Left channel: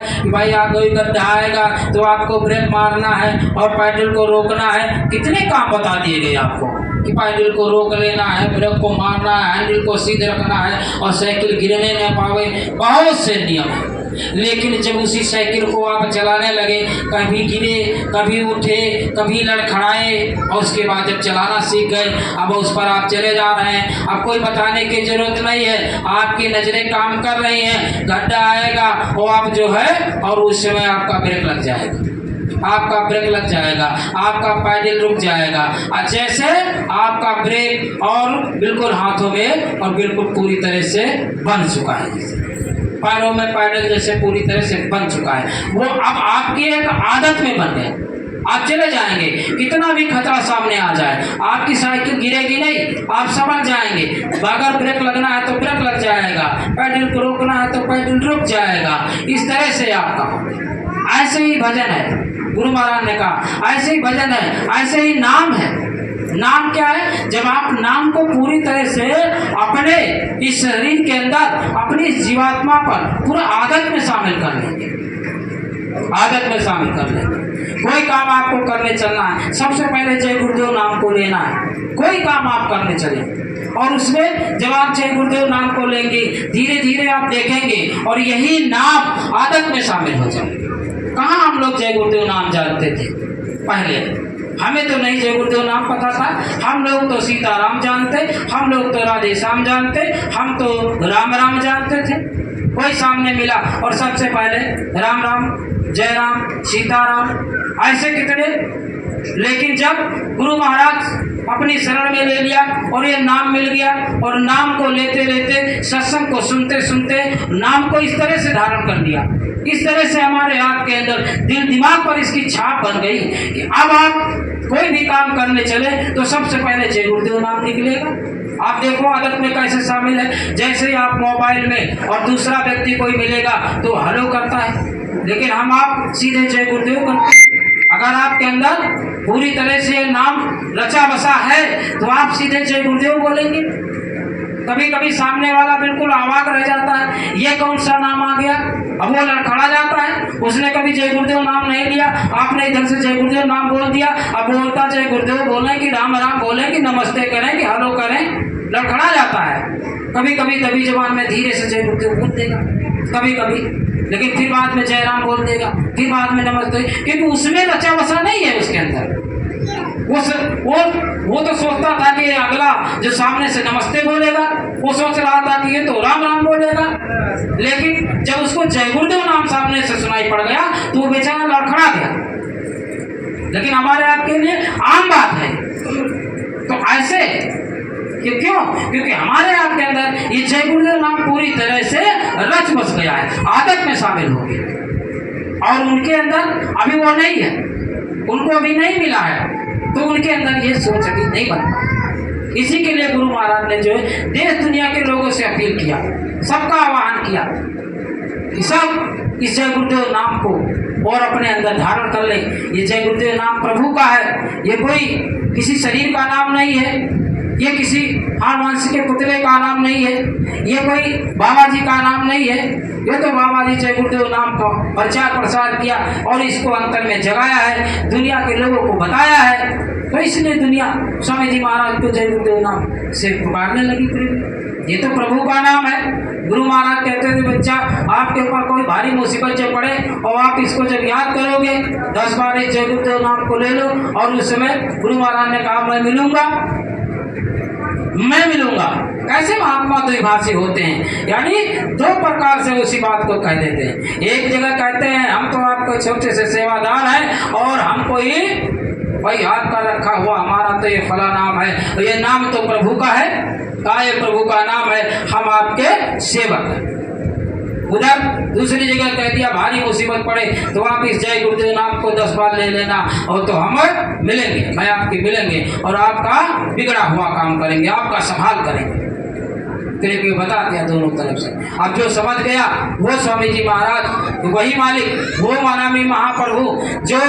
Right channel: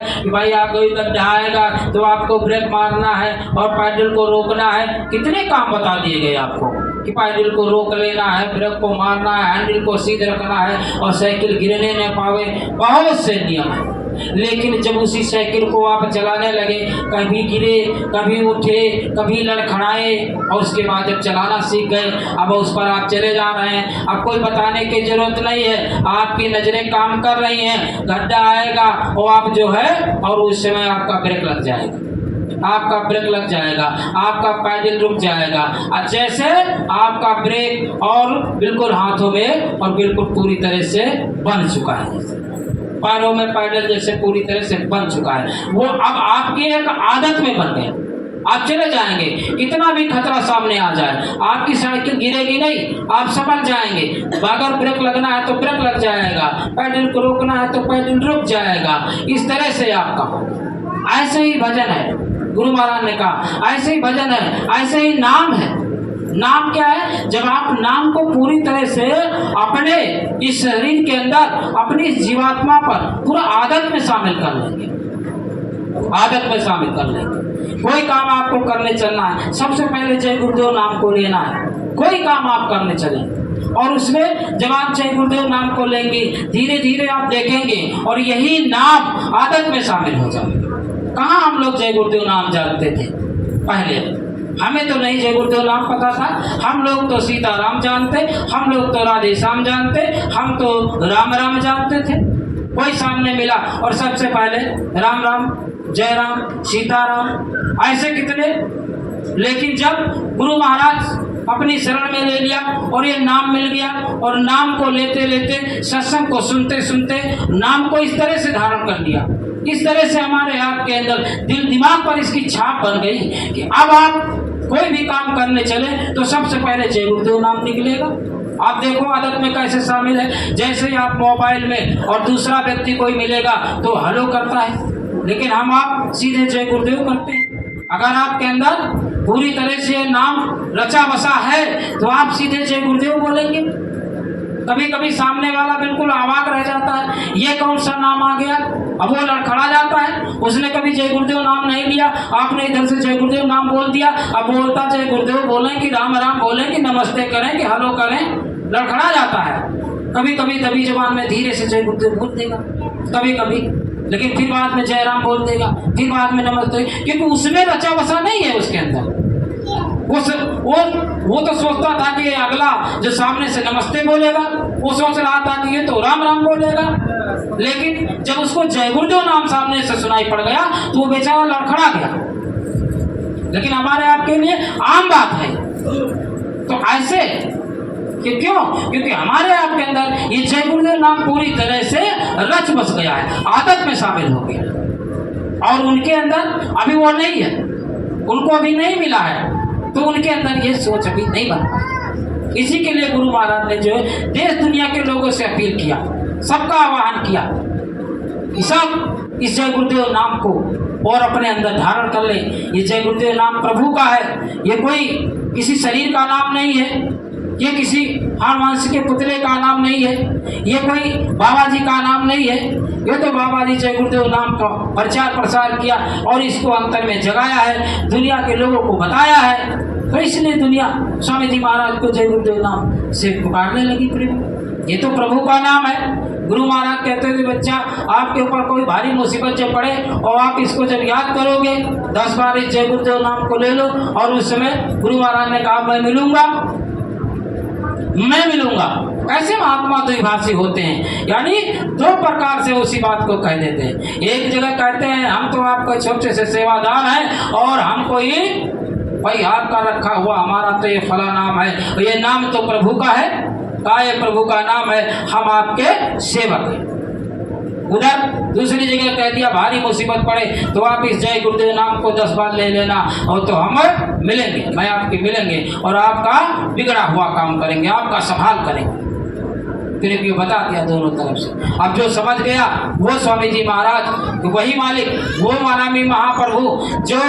कि भाई कोई गड्ढा आएगा तो आपको ब्रेक मारना है और पैडल को रोकना है। कितने काम बता दिए गए आपको कि पैडल को रोक लेना है, ब्रेक को मारना है, हैंडल को सीधे रखना है और साइकिल गिरने न पावे। बहुत से नियम है, लेकिन जब उसी साइकिल को आप चलाने लगे, कभी गिरे, कभी उठे, कभी लड़खड़ाए और उसके बाद जब चलाना सीख गए, अब उस पर आप चले जा रहे हैं। अब कोई बताने की जरूरत नहीं है, आपकी नज़रें काम कर रही हैं। गड्ढा आएगा और आप जो है और उस समय आपका ब्रेक लग जाएगा, आपका ब्रेक लग जाएगा, आपका पैडल रुक जाएगा। जैसे आपका ब्रेक और बिल्कुल हाथों में और बिल्कुल पूरी तरह से बन चुका है, पैरों में पैडल जैसे पूरी तरह से बन चुका है, वो अब आपकी एक आदत में बन गए। आप चले जाएंगे, कितना भी खतरा सामने आ जाए, आपकी साइकिल गिरेगी नहीं, आप संभल जाएंगे। अगर ब्रेक लगना है तो ब्रेक लग जाएगा, पैडल को रोकना है तो पैडल रुक जाएगा। इस तरह से आपका ऐसे ही भजन है, गुरु महाराज ने कहा ऐसे ही भजन है, ऐसे ही नाम है। नाम क्या है? जब आप नाम को पूरी तरह से अपने इस शरीर के अंदर, अपनी जीवात्मा पर पूरा आदत में शामिल कर लेंगे, आदत में शामिल कर लेंगे। कोई काम आपको करने चलना है, सबसे पहले जय गुरुदेव नाम को लेना है। कोई काम आप करने चले और उसमें जब आप जय गुरुदेव नाम को लेंगे, धीरे धीरे आप देखेंगे और यही नाम आदत में शामिल हो जाए। कहाँ हम लोग जय गुरुदेव नाम जानते थे पहले? हमें तो नहीं जय गुरुदेव नाम पता था। हम लोग तो सीताराम जानते, हम लोग तो राधे श्याम जानते, हम तो राम राम जानते थे। कोई सामने मिला और सबसे पहले राम राम, जय राम, सीताराम, ऐसे कितने। लेकिन जब गुरु महाराज अपनी शरण में ले लिया और ये नाम मिल गया और नाम को लेते लेते, सत्संग को सुनते सुनते नाम को इस तरह से धारण कर लिया, इस तरह से हमारे आपके अंदर दिल दिमाग पर इसकी छाप बन गई कि अब आप कोई भी काम करने चले तो सबसे पहले जय गुरुदेव नाम निकलेगा। आप देखो आदत में कैसे शामिल है। जैसे ही आप मोबाइल में और दूसरा व्यक्ति कोई मिलेगा तो हेलो करता है, लेकिन हम आप सीधे जय गुरुदेव करते हैं। अगर आपके अंदर पूरी तरह से नाम रचा बसा है तो आप सीधे जय गुरुदेव बोलेंगे। कभी कभी सामने वाला बिल्कुल अवाक रह जाता है, ये कौन सा नाम आ गया, अब वो लड़खड़ा जाता है। उसने कभी जय गुरुदेव नाम नहीं लिया, आपने इधर से जय गुरुदेव नाम बोल दिया। अब बोलता जय गुरुदेव बोलें कि राम राम बोलें कि नमस्ते करें कि हेलो करें, लड़खड़ा जाता है। कभी कभी दबी जबान में धीरे से जय गुरुदेव बोल देगा कभी कभी, लेकिन फिर बाद में जय राम बोल देगा, फिर बाद में नमस्ते, क्योंकि उसमें रचा बसा नहीं है उसके अंदर। वो तो सोचता था कि अगला जो सामने से नमस्ते बोलेगा, वो सोच रहा था कि ये तो राम राम बोलेगा। लेकिन जब उसको जय गुरुदेव नाम सामने से सुनाई पड़ गया तो वो बेचारा लड़खड़ा गया। लेकिन हमारे आपके लिए आम बात है। तो ऐसे क्यों? क्योंकि हमारे आपके अंदर ये जय गुरुदेव नाम पूरी तरह से रच बस गया है, आदत में शामिल हो गया। और उनके अंदर अभी वो नहीं है, उनको अभी नहीं मिला है, तो उनके अंदर ये सोच अभी नहीं बन पाई। इसी के लिए गुरु महाराज ने जो है देश दुनिया के लोगों से अपील किया, सबका आह्वान किया कि सब इस जय गुरुदेव नाम को और अपने अंदर धारण कर ले। ये जय गुरुदेव नाम प्रभु का है, ये कोई किसी शरीर का नाम नहीं है, ये किसी हारवंश के पुतले का नाम नहीं है, ये कोई बाबा जी का नाम नहीं है। ये तो बाबा जी जय गुरुदेव नाम का प्रचार प्रसार किया और इसको अंतर में जगाया है, दुनिया के लोगों को बताया है। तो इसलिए दुनिया स्वामी जी महाराज को जय गुरुदेव नाम से पुकारने लगी। प्रभु ये तो प्रभु का नाम है। गुरु महाराज कहते थे बच्चा, आपके ऊपर कोई भारी मुसीबत जब पड़े और आप इसको जब याद करोगे 10 बार इस जय गुरुदेव नाम को ले लो। और उस समय गुरु महाराज ने कहा मैं मिलूंगा, मैं मिलूंगा। कैसे महात्मा द्विभाषी होते हैं, यानी दो प्रकार से उसी बात को कह देते हैं। एक जगह कहते हैं हम तो आपको छोटे से सेवादार हैं और हमको ये भाई हाथ का रखा हुआ हमारा तो ये फला नाम है, ये नाम तो प्रभु का है, का ये प्रभु का नाम है, हम आपके सेवक हैं। उधर दूसरी जगह कह दिया भारी मुसीबत पड़े तो आप इस जय गुरुदेव नाम को 10 बार ले लेना और तो हम मिलेंगे, मैं आपके मिलेंगे और आपका बिगड़ा हुआ काम करेंगे, आपका संभाल करेंगे। फिर ये बता दिया दोनों तरफ से। अब जो समझ गया वो स्वामी जी महाराज, वही मालिक, वो मानामी महाप्रभु जो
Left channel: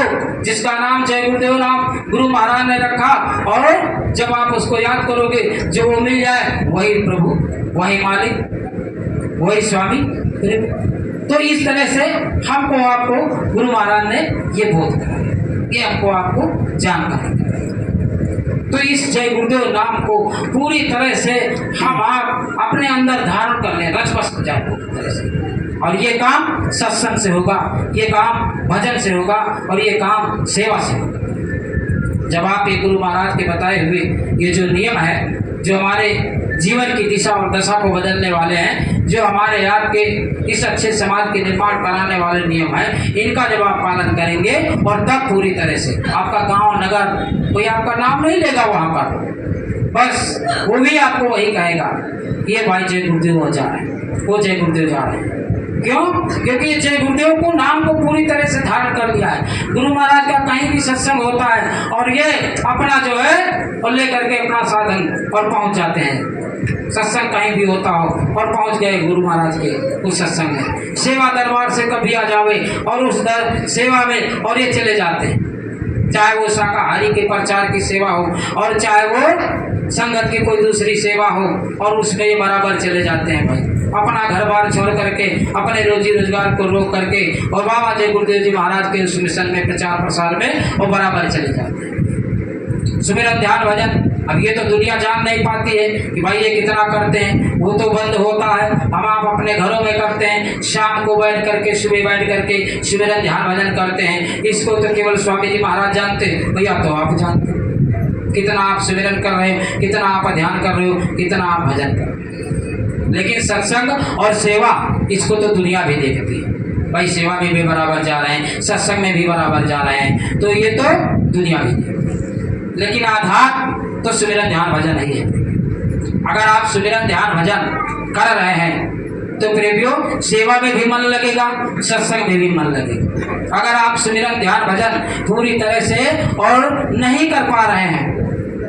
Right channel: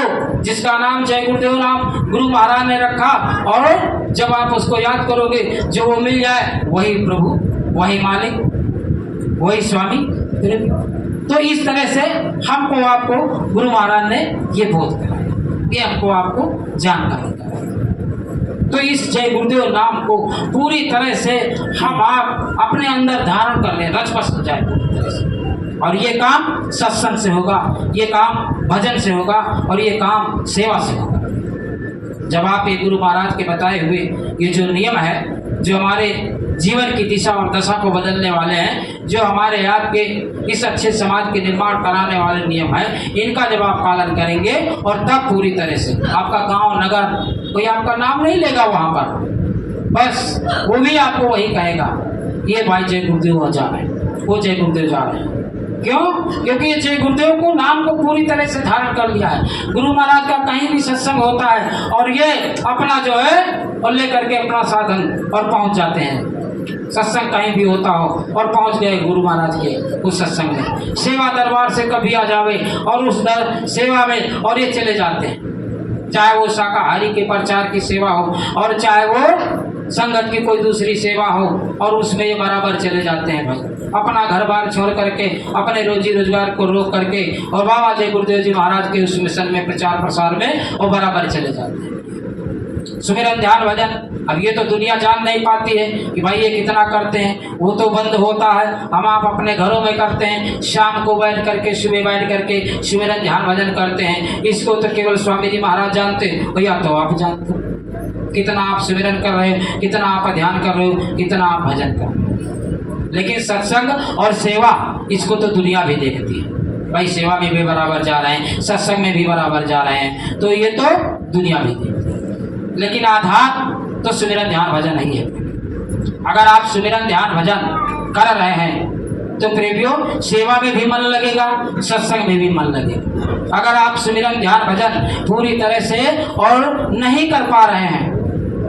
जिसका नाम जय गुरुदेव नाम गुरु महाराज ने रखा, और जब आप उसको याद करोगे जो वो मिल जाए, वही प्रभु, वही मालिक, वही स्वामी। फिर तो इस तरह से हमको आपको गुरु महाराज ने ये बोध कराया, ये हमको आपको जानकारी कराई। तो इस जय गुरुदेव नाम को पूरी तरह से हम आप अपने अंदर धारण कर लें, रच बस जाए पूरी तरह से। और ये काम सत्संग से होगा, ये काम भजन से होगा, और ये काम सेवा से होगा। जब आप ये गुरु महाराज के बताए हुए ये जो नियम है, जो हमारे जीवन की दिशा और दशा को बदलने वाले हैं, जो हमारे आपके इस अच्छे समाज के निर्माण कराने वाले नियम है, इनका जब आप पालन करेंगे और तब पूरी तरह से आपका गांव नगर कोई आपका नाम नहीं लेगा वहां पर, बस वो भी आपको वही कहेगा, ये भाई जय गुरुदेव जा रहे हैं, वो जय गुरुदेव जा रहे हैं। क्यों? क्योंकि ये जय गुरुदेव को नाम को पूरी तरह से धारण कर लिया है। गुरु महाराज का कहीं भी सत्संग होता है और ये अपना जो है और लेकर के अपना साधन और पहुंच जाते हैं। सत्संग कहीं भी होता हो और पहुंच गए गुरु महाराज के उस सत्संग में, सेवा दरबार से कभी आ जावे और उस सेवा में और ये चले जाते हैं, चाहे वो शाकाहारी के प्रचार की सेवा हो और चाहे वो संगत की कोई दूसरी सेवा हो, और उसमें ये बराबर चले जाते हैं भाई, अपना घर बार छोड़ करके, अपने रोजी रोजगार को रोक करके और बाबा जय गुरुदेव जी महाराज के उस मिशन में प्रचार प्रसार में और बराबर चले जाते हैं। सुमिरन ध्यान भजन अब ये तो दुनिया जान नहीं पाती है कि भाई ये कितना करते हैं, वो तो बंद होता है, हम आप अपने घरों में करते हैं, शाम को बैठ करके सुबह बैठ करके सुमिरन ध्यान भजन करते हैं। इसको तो केवल स्वामी जी महाराज जानते हैं, भैया तो आप जानते हैं कितना आप सुमिरन कर रहे हो, कितना आप ध्यान कर रहे हो, कितना आप भजन कर रहे हो। लेकिन सत्संग और सेवा इसको तो दुनिया भी देखती है, भाई सेवा में भी बराबर जा रहे हैं, सत्संग में भी बराबर जा रहे हैं, तो ये तो दुनिया भी देखती है। लेकिन आधार तो सुमिरन ध्यान भजन ही है। अगर आप सुमिरन ध्यान भजन कर रहे हैं तो प्रेमियों सेवा में भी मन लगेगा, सत्संग में भी मन लगेगा। अगर आप सुमिरन ध्यान भजन पूरी तरह से और नहीं कर पा रहे हैं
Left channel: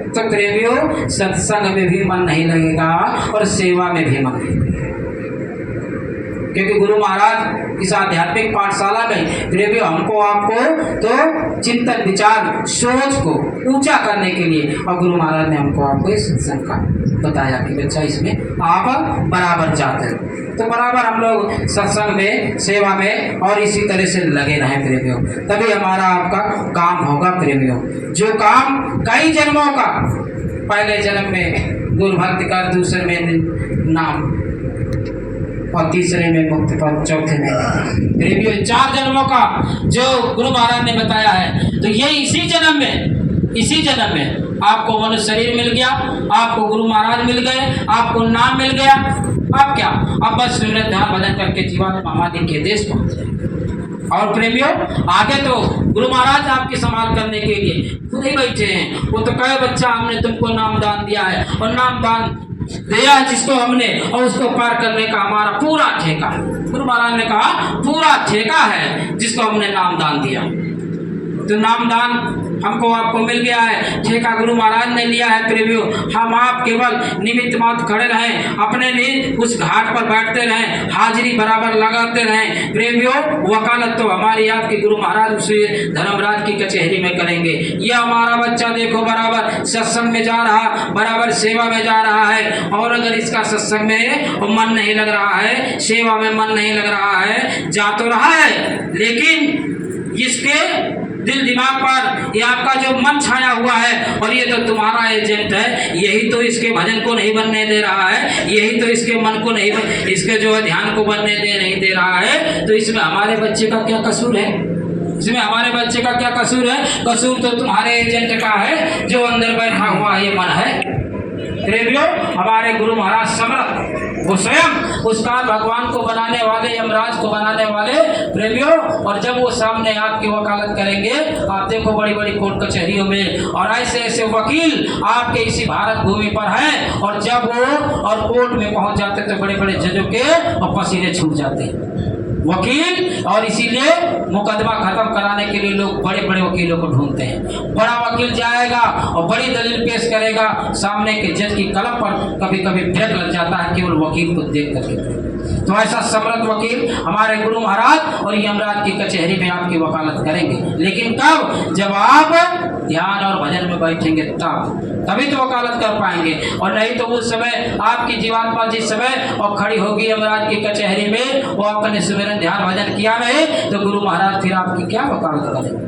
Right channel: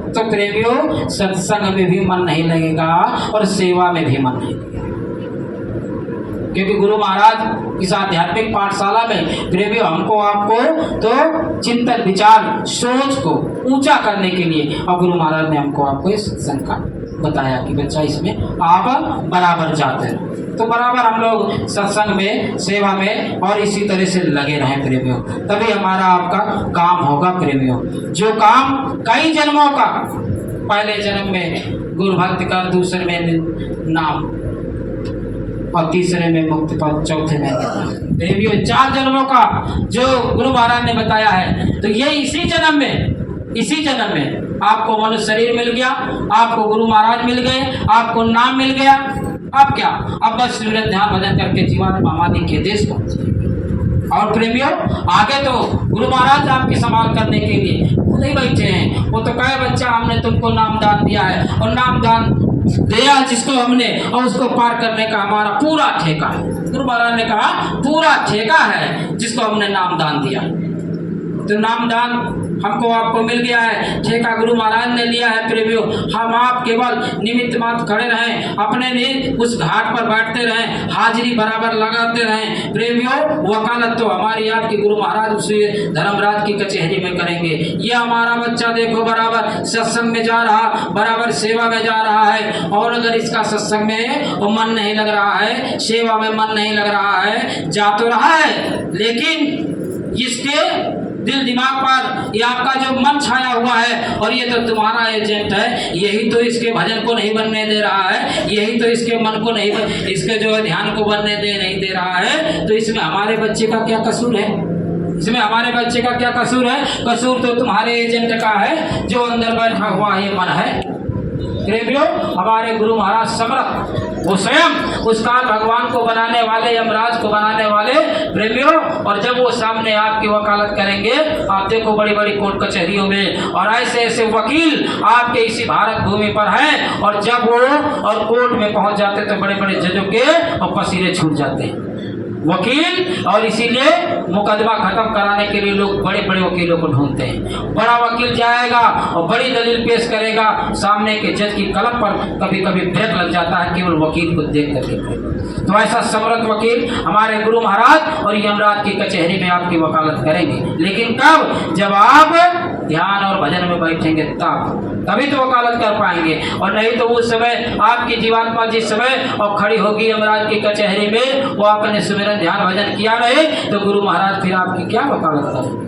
तो प्रेमियों सत्संग में भी मन नहीं लगेगा और सेवा में भी मन नहीं लगेगा। क्योंकि गुरु महाराज इस आध्यात्मिक पाठशाला में प्रेमियों हमको आपको तो चिंतन विचार सोच को ऊंचा करने के लिए और गुरु महाराज ने हमको आपको इस सत्संग का बताया कि बच्चा इसमें आप बराबर जाते हो, तो बराबर हम लोग सत्संग में सेवा में और इसी तरह से लगे रहें प्रेमियों, तभी हमारा आपका काम होगा प्रेमियों। जो काम कई जन्मों का, पहले जन्म में गुरु भक्ति कर, दूसरे में नाम और तीसरे में मुक्ति पद, चौथे में प्रेमियों 4 जन्मों का जो गुरु महाराज ने बताया है। तो ये इसी जन्म में आपको मनुष्य शरीर मिल गया, आपको गुरु महाराज मिल गए, आपको नाम मिल गया। अब क्या? अब बस सुमिरन ध्यान भजन करके जीवन मामादि के देश पहुंचे। और प्रेमियों आगे तो गुरु महाराज आपकी संभाल करने के लिए खुद ही बैठे हैं। वो तो कहे बच्चा हमने तुमको नाम दान दिया है और नाम दान दिया है जिसको हमने, और उसको पार करने का हमारा पूरा ठेका है। गुरु महाराज ने कहा पूरा ठेका है जिसको हमने नाम दान दिया। तो नाम दान हमको आपको मिल गया है, ठेका गुरु महाराज ने लिया है प्रेमियों। हम आप केवल निमित्त मात्र खड़े रहें, अपने लिए उस घाट पर बैठते रहें, हाजिरी बराबर लगाते रहें प्रेमियों। वकालत तो हमारी आपके गुरु महाराज उसे धर्मराज की कचहरी में करेंगे। ये हमारा बच्चा देखो बराबर सत्संग में जा रहा, बराबर सेवा में जा रहा है, और अगर इसका सत्संग में मन नहीं लग रहा है, सेवा में मन नहीं लग रहा है, जा तो रहा है लेकिन इसके दिल दिमाग पर ये आपका जो मन छाया हुआ है और ये तो तुम्हारा एजेंट है, यही तो इसके भजन को नहीं बनने दे रहा है, यही तो इसके मन को नहीं इसके जो है ध्यान को बनने नहीं दे रहा है। तो इसमें हमारे बच्चे का क्या कसूर है? इसमें हमारे बच्चे का क्या कसूर है? कसूर तो तुम्हारे एजेंट का है जो अंदर बैठा हुआ ये मन है। प्रेमियों हमारे गुरु महाराज समर्थ, वो स्वयं उस काल भगवान को बनाने वाले, यमराज को बनाने वाले प्रेमियों। और जब वो सामने आपकी वकालत करेंगे, आप देखो बड़ी बड़ी कोर्ट कचहरियों में और ऐसे ऐसे वकील आपके इसी भारत भूमि पर हैं, और जब वो और कोर्ट में पहुंच जाते तो बड़े बड़े जजों के और पसीने छूट जाते हैं वकील। और इसीलिए मुकदमा खत्म कराने के लिए लोग बड़े बड़े वकीलों को ढूंढते हैं। बड़ा वकील जाएगा और बड़ी दलील पेश करेगा, सामने के जज की कलम पर कभी कभी ब्रेक लग जाता है केवल वकील को देख करके। तो ऐसा समर्थ वकील हमारे गुरु महाराज और यमराज की कचहरी में आपकी वकालत करेंगे। लेकिन कब? जब आप ध्यान और भजन में बैठेंगे तब। तभी तो वकालत कर पाएंगे, और नहीं तो उस समय आपकी जीवात्मा जिस समय और खड़ी होगी यमराज की कचहरी में, वो आपने सुमिरन ध्यान भजन किया नहीं, तो गुरु महाराज फिर आपकी क्या वकालत करेंगे,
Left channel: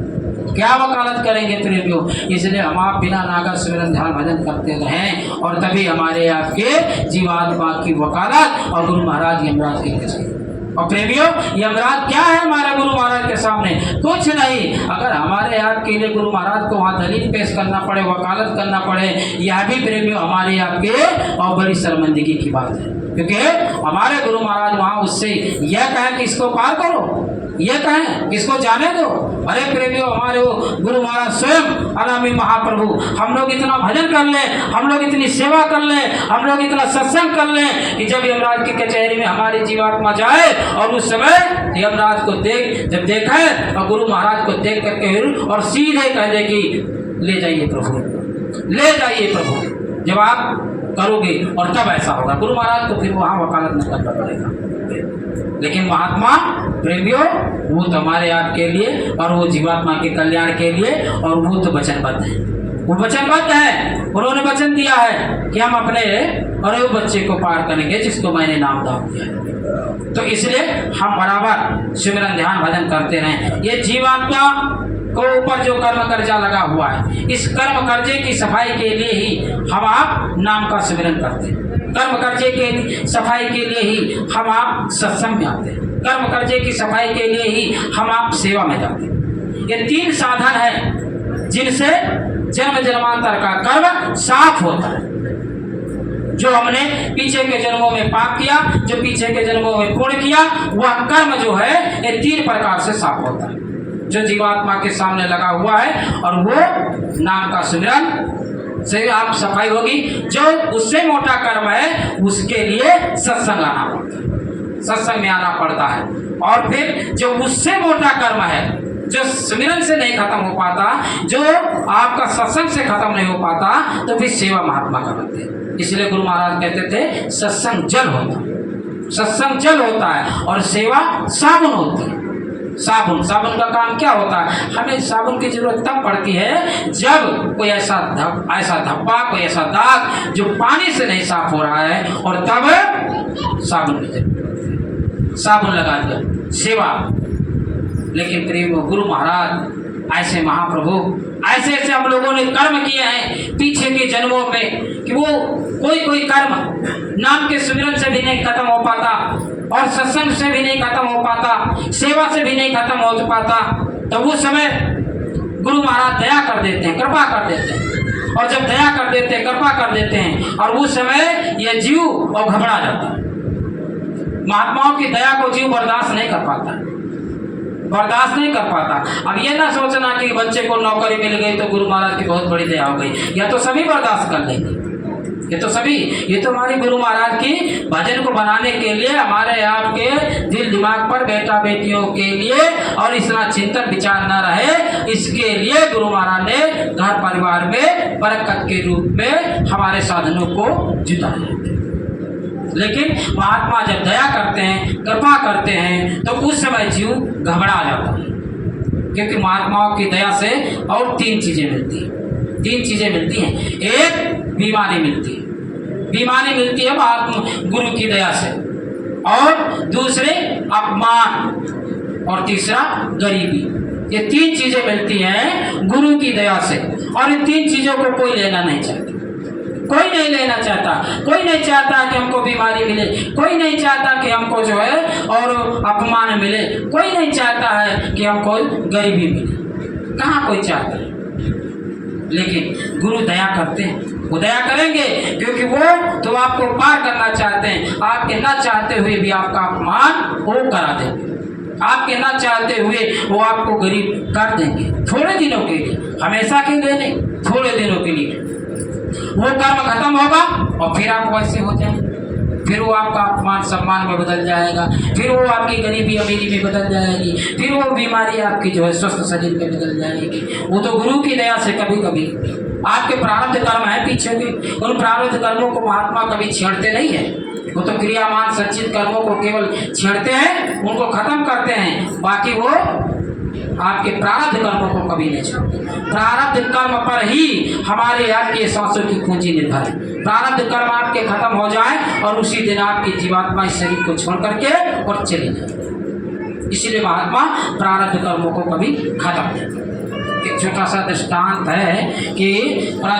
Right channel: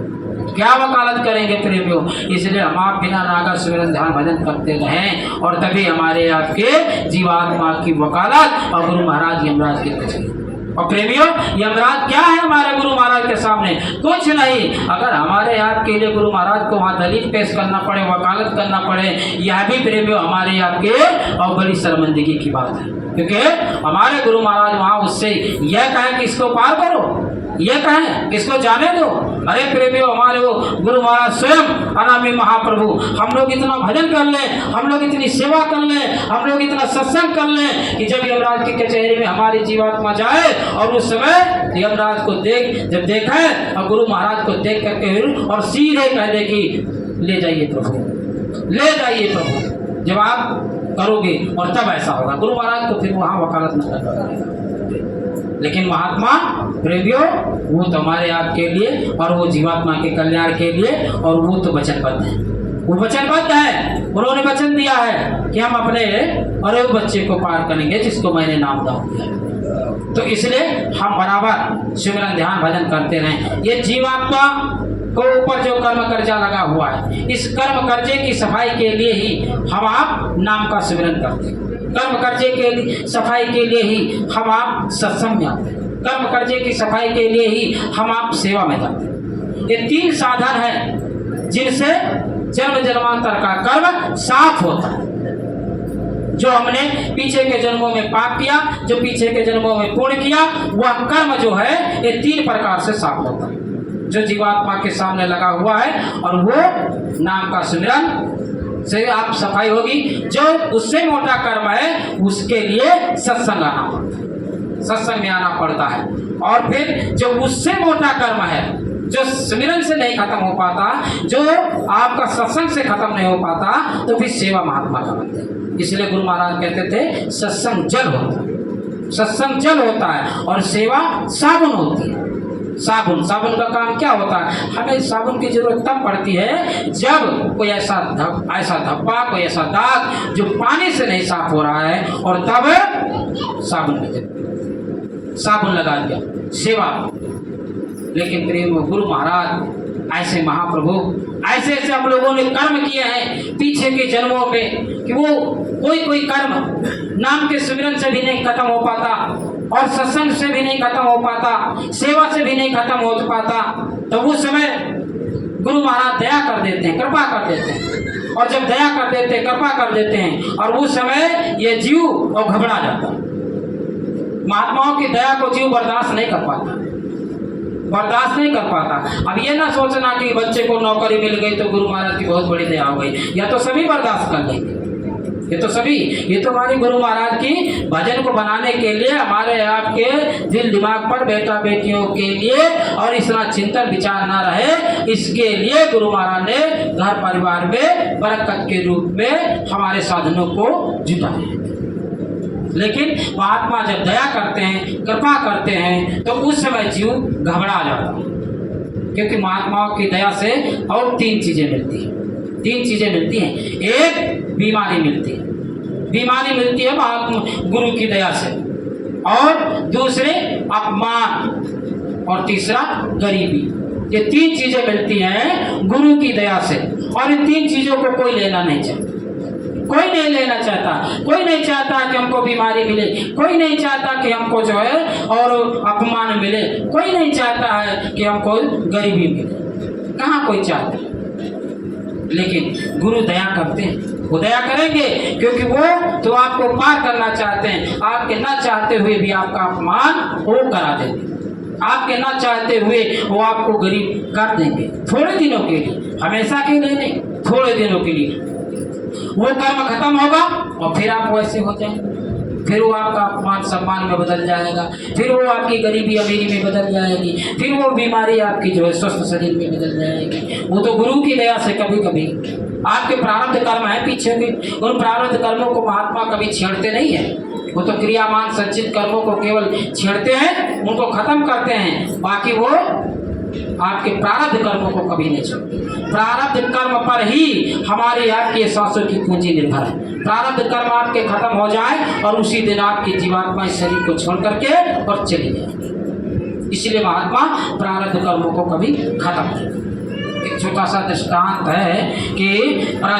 क्या वकालत करेंगे प्रेमियों। इसलिए हम आप बिना नागा सुमिरन ध्यान भजन करते रहें, और तभी हमारे आपके जीवात्मा की वकालत और गुरु महाराज यमराज की कचहरी। और प्रेमियों, यमराज क्या है हमारे गुरु महाराज के सामने? कुछ नहीं। अगर हमारे आपके लिए गुरु महाराज को वहाँ दलील पेश करना पड़े, वकालत करना पड़े, यह भी प्रेमियों हमारे आपके और बड़ी शर्मिंदगी की बात है, क्योंकि हमारे गुरु महाराज वहाँ उससे यह कहें कि इसको पार करो, ये कहें इसको जाने दो। अरे प्रेमियों, हमारे वो गुरु महाराज स्वयं अनामी महाप्रभु, हम लोग इतना भजन कर लें, हम लोग इतनी सेवा कर लें, हम लोग इतना सत्संग कर लें कि जब यमराज की कचहरी में हमारी जीवात्मा जाए और उस समय यमराज को जब देखे और गुरु महाराज को देख करके और सीधे कह दे कि ले जाइए प्रभु, ले जाइए प्रभु, जब आप करोगे और तब ऐसा होगा। गुरु महाराज को फिर वहाँ वकालत न करना पड़ेगा। लेकिन महात्मा प्रेमियों, वो तो हमारे आपके लिए और वो जीवात्मा के कल्याण के लिए, और वो तो वचनबद्ध है, वो वचनबद्ध है। उन्होंने वचन दिया है कि हम अपने और वो बच्चे को पार करेंगे जिसको मैंने नाम दिया। तो इसलिए हम बराबर सिमरन ध्यान भजन करते रहें। ये जीवात्मा को ऊपर जो कर्म कर्जा लगा हुआ है, इस कर्म कर्जे की सफाई के लिए ही हम आप नाम का सिमरन करते हैं। कर्म कर्जे के सफाई के लिए ही हम आप सत्संग में आते हैं। कर्म कर्जे की सफाई के लिए ही हम आप सेवा में जाते हैं। ये 3 साधन है जिनसे जन्म जन्मांतर का कर्म साफ होता है। जो हमने पीछे के जन्मों में पाप किया, जो पीछे के जन्मों में पुण्य किया, वह कर्म जो है ये 3 प्रकार से साफ होता है, जो जीवात्मा के सामने लगा हुआ है। और वो नाम का सुमिरन से आप सफाई होगी। जो उससे मोटा कर्म है उसके लिए सत्संग आना पड़ता है, सत्संग में आना पड़ता है। और फिर जो उससे मोटा कर्म है, जो सुमिरन से नहीं खत्म हो पाता, जो आपका सत्संग से खत्म नहीं हो पाता, तो फिर सेवा महात्मा का बनते हैं। इसलिए गुरु महाराज कहते थे सत्संग जल होता है, सत्संग जल होता है और सेवा साबुन होती है। साबुन का काम क्या होता है? हमें साबुन की जरूरत तब पड़ती है जब कोई ऐसा धब्बा, कोई ऐसा दाग जो पानी से नहीं साफ हो रहा है, और तब साबुन की जरूरत पड़ती है। साबुन लगा दिया, सेवा। लेकिन प्रेम गुरु महाराज ऐसे महाप्रभु, ऐसे ऐसे हम लोगों ने कर्म किए हैं पीछे के जन्मों में कि वो कोई कर्म नाम के सुमिरन से भी नहीं खत्म हो पाता, और सत्संग से भी नहीं खत्म हो पाता, सेवा से भी नहीं खत्म हो पाता। तो उस समय गुरु महाराज दया कर देते हैं, कृपा कर देते हैं। और जब दया कर देते हैं, कृपा कर देते हैं, और उस समय ये जीव और घबरा जाता है। महात्माओं की दया को जीव बर्दाश्त नहीं कर पाता, बर्दाश्त नहीं कर पाता। अब ये ना सोचना कि बच्चे को नौकरी मिल गई तो गुरु महाराज की बहुत बड़ी दया हो गई, या तो सभी बर्दाश्त कर लेंगे। ये तो हमारे गुरु महाराज की भजन को बनाने के लिए, हमारे आपके दिल दिमाग पर बेटा बेटियों के लिए और इतना चिंतन विचार ना रहे, इसके लिए गुरु महाराज ने घर परिवार में बरकत के रूप में हमारे साधनों को जुटाया। लेकिन महात्मा जब दया करते हैं, कृपा करते हैं, तो उस समय जीव घबरा जाता है, क्योंकि महात्माओं की दया से और 3 चीजें मिलती हैं। 3 चीजें मिलती हैं। एक बीमारी मिलती है, बीमारी मिलती है महात्मा गुरु की दया से, और दूसरे अपमान, और तीसरा गरीबी। ये 3 चीजें मिलती हैं गुरु की दया से, और इन 3 चीजों को कोई लेना नहीं चाहता, कोई नहीं लेना चाहता। कोई नहीं चाहता कि हमको बीमारी मिले, कोई नहीं चाहता कि हमको जो है और अपमान मिले, कोई नहीं चाहता है कि हमको गरीबी मिले, कहाँ कोई चाहता है। लेकिन गुरु दया करते हैं, वो दया करेंगे क्योंकि वो तो आपको पार करना चाहते हैं। आपके ना चाहते हुए भी आपका अपमान वो करा देंगे, आपके ना चाहते हुए वो आपको गरीब कर देंगे, थोड़े दिनों के लिए, हमेशा के लिए नहीं, थोड़े दिनों के लिए। वो कर्म खत्म होगा और फिर आप वैसे हो जाएंगे, फिर वो आपका अपमान सम्मान में बदल जाएगा, फिर वो आपकी गरीबी अमीरी में बदल जाएगी, फिर वो बीमारी आपकी जो है स्वस्थ शरीर में बदल जाएगी। वो तो गुरु की दया से कभी कभी आपके प्रारब्ध कर्म है पीछे के, उन प्रारब्ध कर्मों को महात्मा कभी छेड़ते नहीं है। वो तो क्रियामान संचित कर्मों को केवल छेड़ते हैं, उनको खत्म करते हैं, बाकी वो आपके प्रारब्ध कर्मों को कभी नहीं छोड़ते। प्रारब्ध कर्म पर ही हमारे आपके सांसों की पूंजी निर्भर है। प्रारब्ध कर्म आपके खत्म हो जाए और उसी दिन आपकी जीवात्मा इस शरीर को छोड़ करके और चली जाए। इसलिए महात्मा प्रारब्ध कर्मों को कभी खत्म नहीं। एक छोटा सा दृष्टांत है कि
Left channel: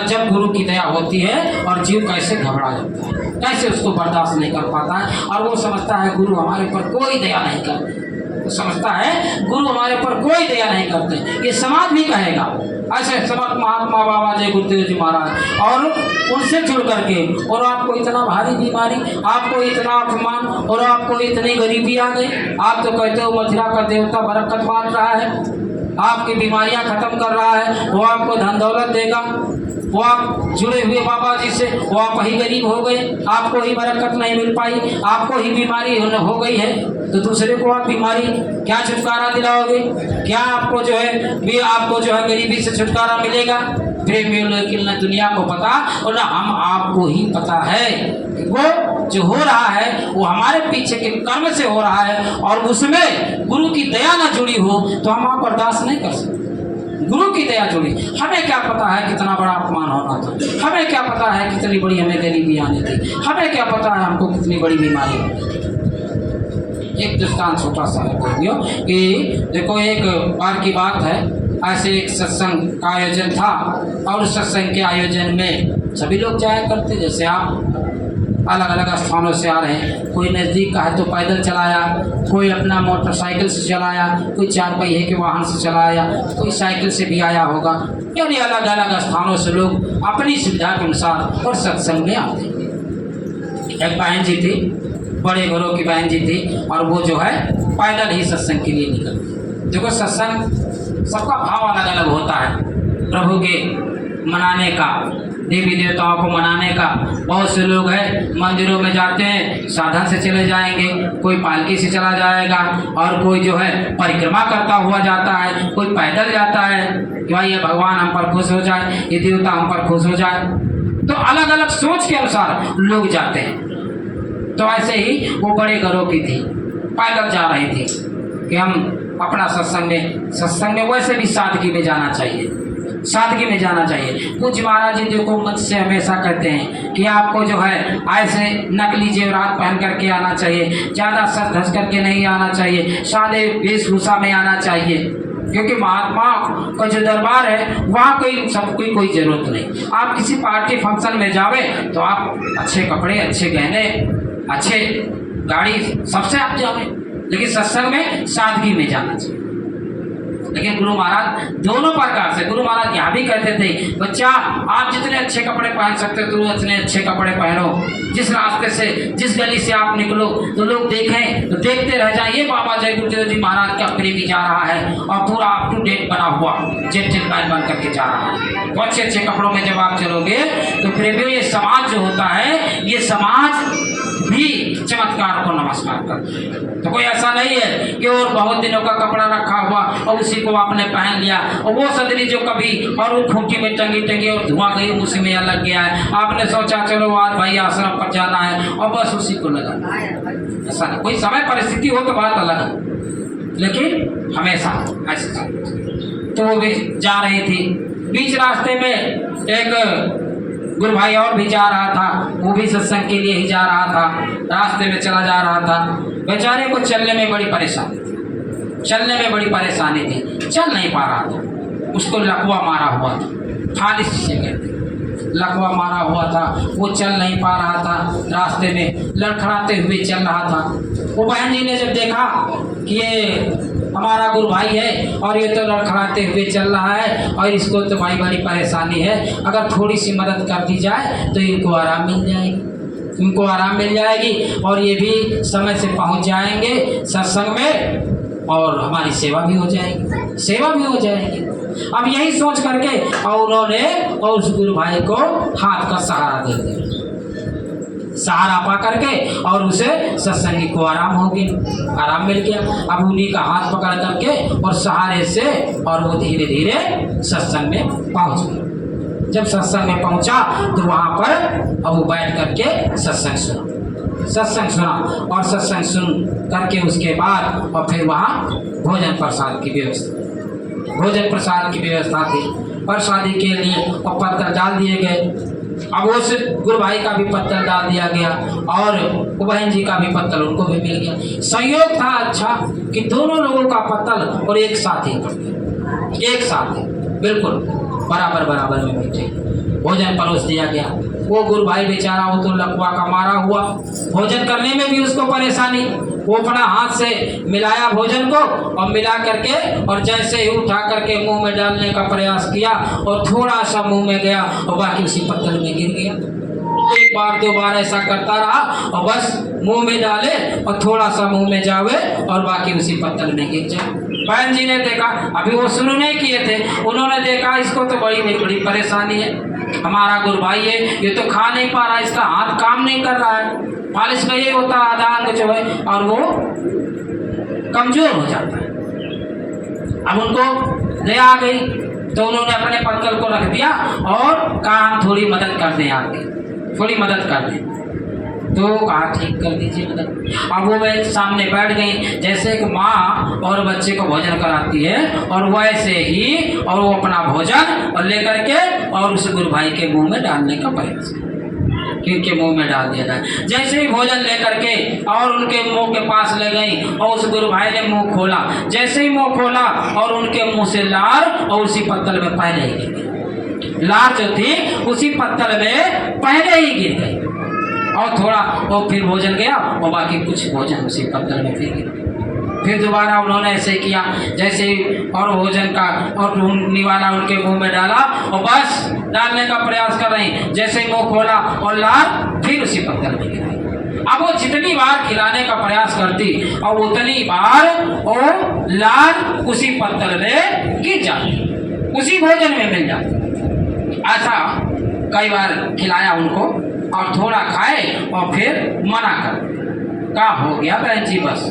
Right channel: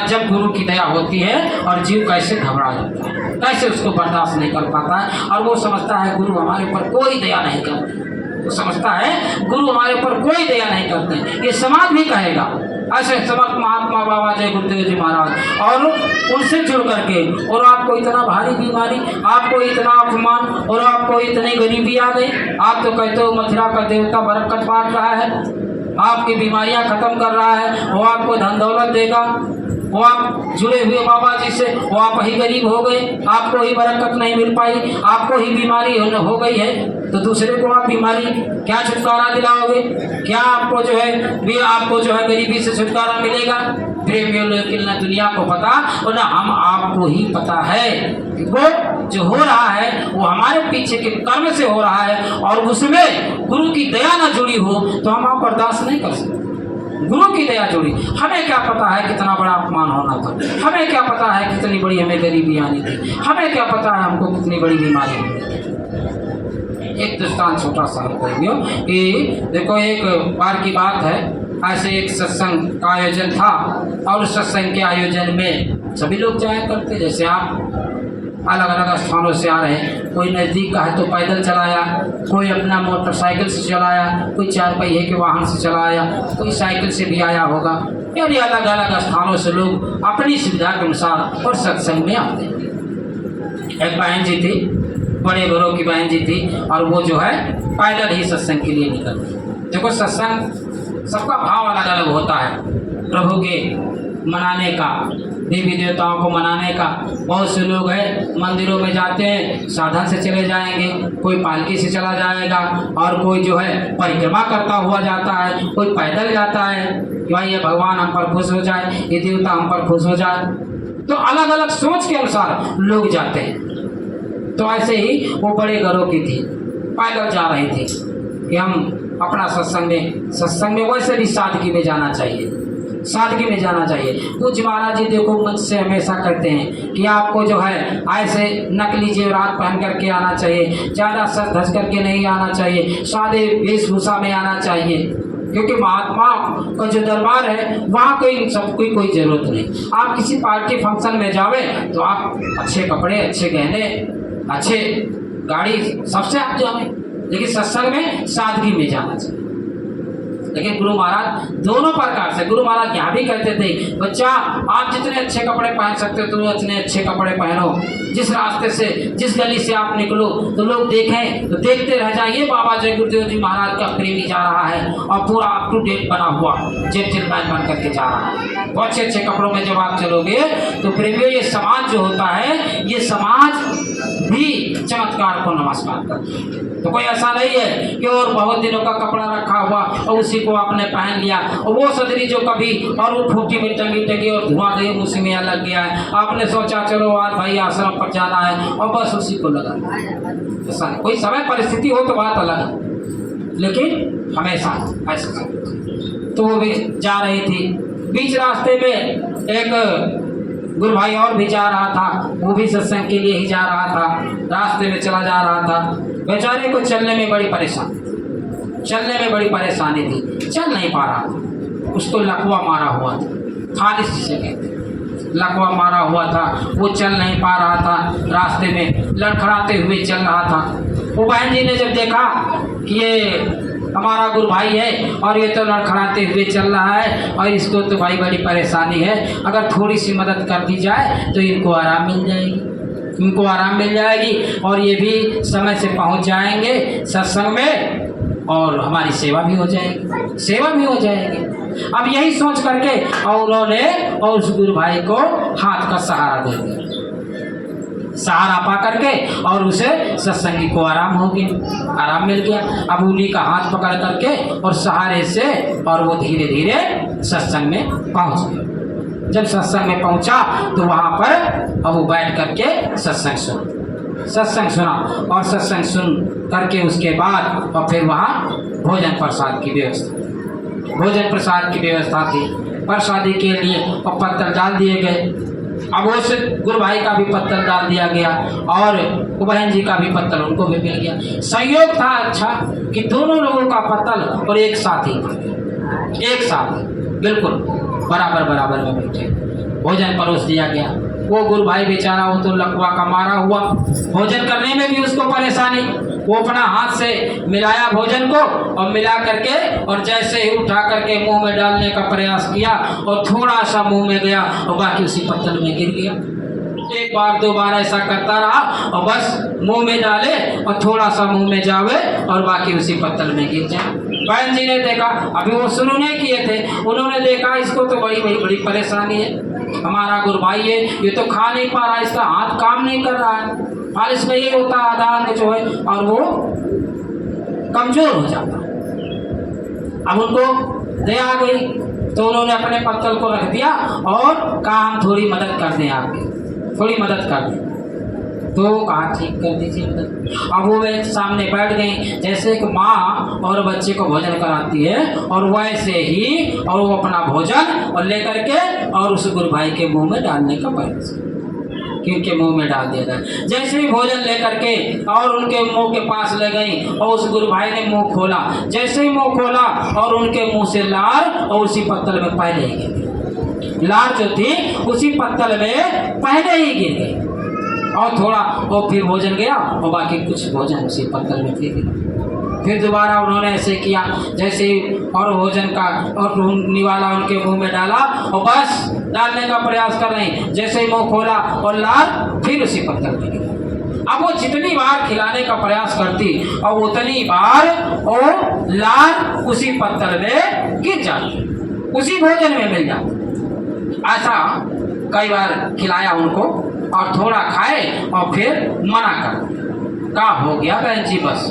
जब गुरु की दया होती है और जीव कैसे घबरा जाता है, कैसे उसको बर्दाश्त नहीं कर पाता है और वो समझता है गुरु हमारे ऊपर कोई दया नहीं करते। वो समझता है गुरु हमारे ऊपर कोई दया नहीं करते। ये समाज भी कहेगा, ऐसे समर्थ महात्मा बाबा जय गुरुदेव जी महाराज, और उनसे जुड़ करके और आपको इतना भारी बीमारी, आपको इतना अपमान और आपको इतनी गरीबी आ गई। आप तो कहते हो मथुरा का देवता बरकत बांट रहा है, आपकी बीमारियां खत्म कर रहा है, वो आपको धन दौलत देगा। वो आप जुड़े हुए बाबा जी से, वो आप ही गरीब हो गए, आपको ही बरकत नहीं मिल पाई, आपको ही बीमारी हो गई है, तो दूसरे को आप बीमारी क्या छुटकारा दिलाओगे? क्या आपको जो है गरीबी से छुटकारा मिलेगा? प्रेमियों, लेकिन न दुनिया को पता और न हम आपको ही पता है कि वो जो हो रहा है वो हमारे पीछे के कर्म से हो रहा है, और उसमें गुरु की दया न जुड़ी हो तो हम आप बर्दाश्त नहीं कर सकते। गुरु की दया जुड़ी, हमें क्या पता है कितना बड़ा अपमान होना था, हमें क्या पता है कितनी बड़ी हमें गरीबी आनी थी, हमें क्या पता है हमको कितनी बड़ी बीमारी होनी थी। एक दृष्टांत छोटा सा है कि देखो, एक बार की बात है, ऐसे एक सत्संग का आयोजन था और सत्संग के आयोजन में सभी लोग जाया करते। जैसे आप अलग अलग स्थानों से आ रहे हैं, कोई नज़दीक का है तो पैदल चलाया, कोई अपना मोटरसाइकिल से चलाया, कोई 4 पहिए के वाहन से चलाया, कोई साइकिल से भी आया होगा। यानी अलग अलग स्थानों से लोग अपनी सुविधा के अनुसार और सत्संग में आते हैं। एक बहन जी थी, बड़े घरों की बहन जी थी, और वो जो है पैदल ही सत्संग के लिए निकलती। देखो, सत्संग सबका भाव अलग अलग होता है। प्रभु के मनाने का, देवी देवताओं को मनाने का। बहुत से लोग हैं मंदिरों में जाते हैं, साधन से चले जाएंगे, कोई पालकी से चला जाएगा, और कोई जो है परिक्रमा करता हुआ जाता है, कोई पैदल जाता है कि भाई ये भगवान हम पर खुश हो जाए, ये देवता हम पर खुश हो जाए। तो अलग अलग सोच के अनुसार लोग जाते हैं। तो ऐसे ही वो बड़े घरों की थी, पैदल जा रही थी कि हम अपना सत्संग में वैसे भी सादगी में जाना चाहिए, सादगी में जाना चाहिए। पूज्य महाराज जी देखो मंच से हमेशा कहते हैं कि आपको जो है ऐसे नकली जेवरात पहन करके आना चाहिए, ज़्यादा सज धज करके नहीं आना चाहिए, सादे वेशभूषा में आना चाहिए, क्योंकि महात्मा का जो दरबार है वहाँ कोई ज़रूरत नहीं। आप किसी पार्टी फंक्शन में जावे तो आप अच्छे कपड़े, अच्छे गहने, अच्छे गाड़ी सबसे आप जावे, लेकिन सत्संग में सादगी में जाना चाहिए। लेकिन गुरु महाराज दोनों प्रकार से, गुरु महाराज यहाँ भी कहते थे बच्चा आप जितने अच्छे कपड़े पहन सकते हो तो उतने अच्छे कपड़े पहनो, जिस रास्ते से, जिस गली से आप निकलो तो लोग देखें तो देखते रह जाए ये बाबा जय गुरुदेव जी महाराज का प्रेमी जा रहा है और पूरा अप टू डेट बना हुआ जेंटलमैन बन करके जा रहा है। तो अच्छे अच्छे कपड़ों में जब आप चलोगे तो प्रेमियों, ये समाज जो होता है, ये समाज भी चमत्कार को नमस्कार करता है। तो कोई ऐसा नहीं है कि और बहुत दिनों का कपड़ा रखा हुआ और उसी को आपने पहन लिया, और वो सदरी जो कभी और वो खूंटी में टंगी और धुआं गई उसी में लग गया है, आपने सोचा चलो आज भाई आश्रम पर जाना है और बस उसी को लगा। ऐसा नहीं, कोई समय परिस्थिति हो तो बात अलग है, लेकिन हमेशा ऐसा। तो वो भी जा रही थी, बीच रास्ते में एक गुरु भाई और भी जा रहा था, वो भी सत्संग के लिए ही जा रहा था, रास्ते में चला जा रहा था। बेचारे को चलने में बड़ी परेशानी थी, चल नहीं पा रहा था, उसको लकवा मारा हुआ था, फालिश जिसे कहते, लकवा मारा हुआ था, वो चल नहीं पा रहा था, रास्ते में लड़खड़ाते हुए चल रहा था। वो बहन जी ने जब देखा कि ये हमारा गुरु भाई है और ये तो लड़खड़ाते हुए चल रहा है और इसको तो भाई बड़ी परेशानी है, अगर थोड़ी सी मदद कर दी जाए तो इनको आराम मिल जाएगी और ये भी समय से पहुंच जाएंगे सत्संग में और हमारी सेवा भी हो जाएगी। अब यही सोच करके और उन्होंने और उस गुरु भाई को हाथ का सहारा दे दिया, सहारा पा करके, और उसे सत्संगी को आराम मिल गया। अब उन्हीं का हाथ पकड़ करके और सहारे से और वो धीरे धीरे सत्संग में पहुंच गया। जब सत्संग में पहुंचा तो वहाँ पर अब वो बैठ करके सत्संग सुना और सत्संग सुन करके उसके बाद और फिर वहाँ भोजन प्रसाद की व्यवस्था। भोजन प्रसाद की व्यवस्था थी, प्रसादी के लिए और पत्तल डाल दिए गए। अब उस गुरु भाई का भी पत्तल डाल दिया गया और बहन जी का भी पत्तल उनको भी मिल गया। संयोग था अच्छा कि दोनों लोगों का पत्तल और एक साथ ही एक साथ बिल्कुल बराबर बराबर में बैठे भोजन परोस दिया गया। वो गुरु भाई बेचारा वो तो लकवा का मारा हुआ, भोजन करने में भी उसको परेशानी। वो अपना हाथ से मिलाया भोजन को और मिला करके और जैसे ही उठा करके मुंह में डालने का प्रयास किया और थोड़ा सा मुंह में गया और बाकी उसी पत्तल में गिर गया। एक बार दो बार ऐसा करता रहा और बस मुंह में डाले और थोड़ा सा मुंह में जावे और बाकी उसी पत्तल में गिर जाए। बहन जी ने देखा, अभी वो शुरू नहीं किए थे, उन्होंने देखा इसको तो बड़ी परेशानी है, हमारा गुरु भाई है, ये तो खा नहीं पा रहा, इसका हाथ काम नहीं कर रहा है, मालिश में ये होता आधा अंग जो है और वो कमजोर हो जाता है। अब उनको दया आ गई तो उन्होंने अपने पत्तल को रख दिया और कहा हम थोड़ी मदद कर दें, आपकी थोड़ी मदद कर दें। तो कहा ठीक कर दीजिए मदद। अब वो वे सामने बैठ गई, जैसे कि माँ और बच्चे को भोजन कराती है और वैसे ही और वो अपना भोजन और लेकर के और उस गुरु भाई के मुंह में डालने का प्रयास कि उनके मुंह में डाल दिया जाए। जैसे ही भोजन लेकर के और उनके मुंह के पास ले गई और उस गुरु भाई ने मुंह खोला, जैसे ही मुंह खोला और उनके मुंह से लार और उसी पत्तल में पहले ही गिर गई। लार जो थी उसी पत्तल में पहले ही गिर गई और थोड़ा और फिर भोजन गया और बाकी कुछ भोजन उसी पत्तल में फिर गिरा। फिर दोबारा उन्होंने ऐसे किया, जैसे और भोजन का और निवाला उनके मुंह में डाला और बस डालने का प्रयास कर रही, जैसे ही मुंह खोला और लार फिर उसी पत्तल में गिराई। अब वो जितनी बार खिलाने का प्रयास करती और उतनी बार वो लार उसी पत्तल में गिर जाती, उसी भोजन में मिल जाती। ऐसा कई बार खिलाया उनको और थोड़ा खाए और फिर मना कर का हो गया बहन जी, बस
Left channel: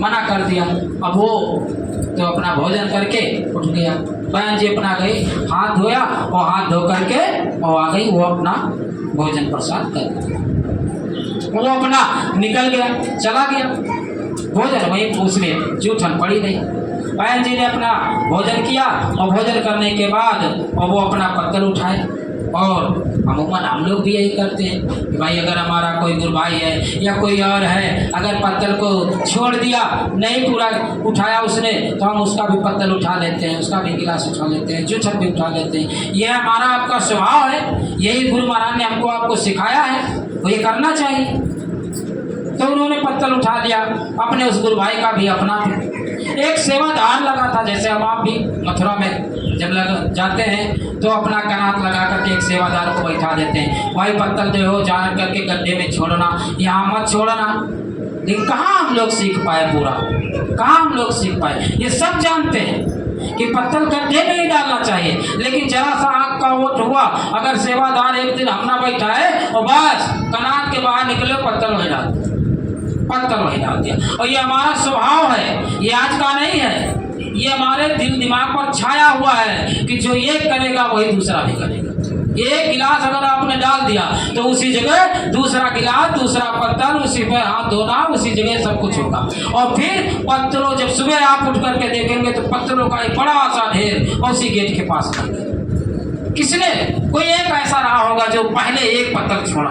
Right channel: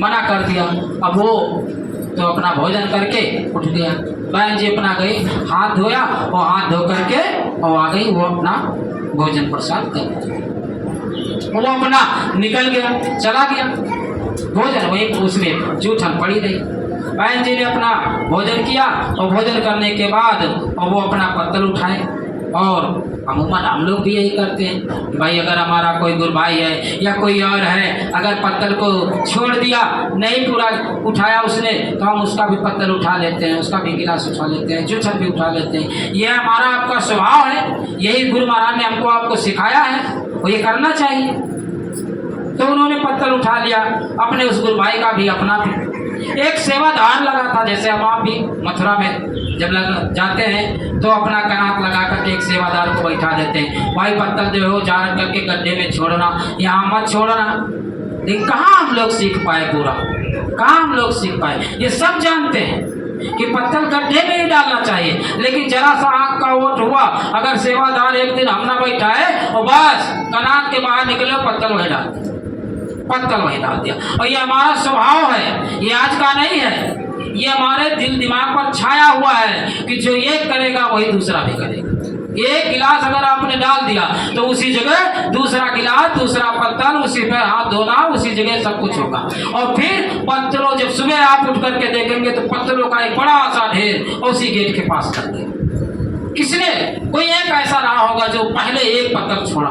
मना कर दिया। अब वो तो अपना भोजन करके उठ गया। बहन जी अपना गई, हाथ धोया और हाथ धो करके और आ गई, वो अपना भोजन प्रसाद कर वो अपना निकल गया, चला गया। भोजन वही उसमें जूठन पड़ी रही। बहन जी ने अपना भोजन किया और भोजन करने के बाद और वो अपना पत्तल उठाए और अमूमन हम लोग भी यही करते हैं कि भाई अगर हमारा कोई गुरु भाई है या कोई और है, अगर पत्तल को छोड़ दिया, नहीं पूरा उठाया उसने, तो हम उसका भी पत्तल उठा लेते हैं, उसका भी गिलास उठा लेते हैं, जूठन भी उठा लेते हैं। ये हमारा आपका स्वभाव है, यही गुरु महाराज ने हमको आपको सिखाया है और ये करना चाहिए। तो उन्होंने पत्तल उठा लिया, अपने उस गुरु भाई का भी अपना भी। एक सेवादार लगा था, जैसे हम आप भी मथुरा में जब लग जाते हैं तो अपना कनात लगा करके एक सेवादार को बैठा देते हैं, वही पत्तल जो हो जा करके गड्ढे में छोड़ना, यहाँ मत छोड़ना। लेकिन कहाँ हम लोग सीख पाए, पूरा कहाँ हम लोग सीख पाए। ये सब जानते हैं कि पत्तल गड्ढे में ही डालना चाहिए, लेकिन जरा सा आँख का वोट हुआ, अगर सेवादार एक दिन हम ना बैठा है और बस कनात के बाहर निकले पत्तल वही डाल दिया, पत्तल वही डाल दिया। और ये हमारा स्वभाव है, ये आज का नहीं है, ये हमारे दिल दिमाग पर छाया हुआ है कि जो एक करेगा वही दूसरा भी करेगा। एक गिलास अगर आपने डाल दिया तो उसी जगह दूसरा गिलास, दूसरा पत्तल, उसी पे हाथ धोना, उसी जगह सब कुछ होगा। और फिर पत्तलों, जब सुबह आप उठ करके देखेंगे तो पत्तलों का एक बड़ा सा ढेर उसी गेट के पास कर दिया। किसने, कोई एक ऐसा रहा होगा जो पहले एक पत्तल छोड़ा।